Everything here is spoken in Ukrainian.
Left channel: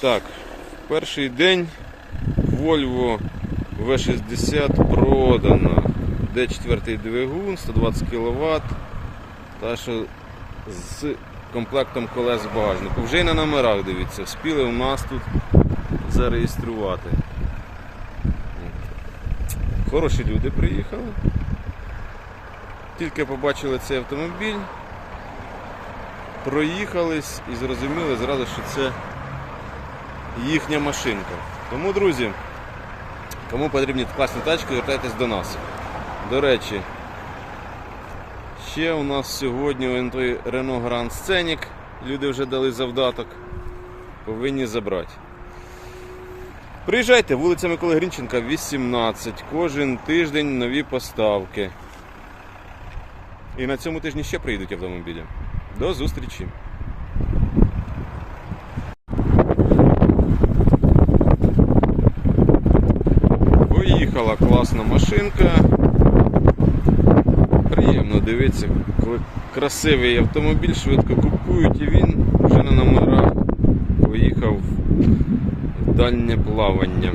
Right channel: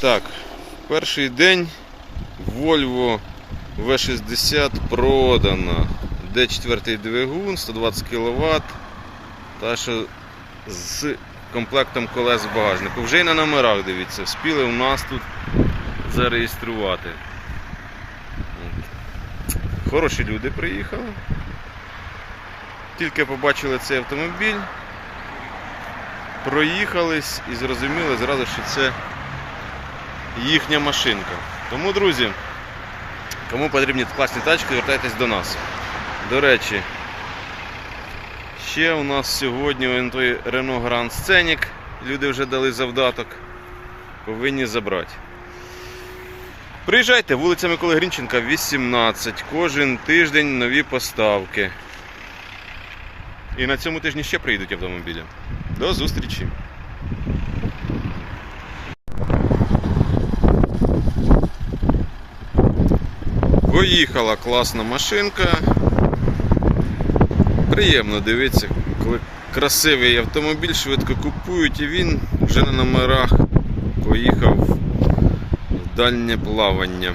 Так, перший день Volvo V60 продано. D4 двигун, 120 кВт. Та що з комплектом колес в багажнику. Вже й на номерах дивіться, вспіли у нас тут зареєструвати. Хороші люди приїхали. Тільки побачили цей автомобіль, проїхались і зрозуміли зразу, що це їхня машинка. Тому, друзі, кому потрібні класні тачки, звертайтесь до нас. До речі, ще у нас сьогодні Renault Grand Scenic. Люди вже дали завдаток. Повинні забрати. Приїжджайте, вулиця Миколи Грінченка, 18. Кожен тиждень нові поставки. І на цьому тижні ще приїдуть автомобілі. До зустрічі! Поїхала класна машинка. Приємно дивитися, коли красивий автомобіль швидко купують і він вже на номерах поїхав в дальнє плавання.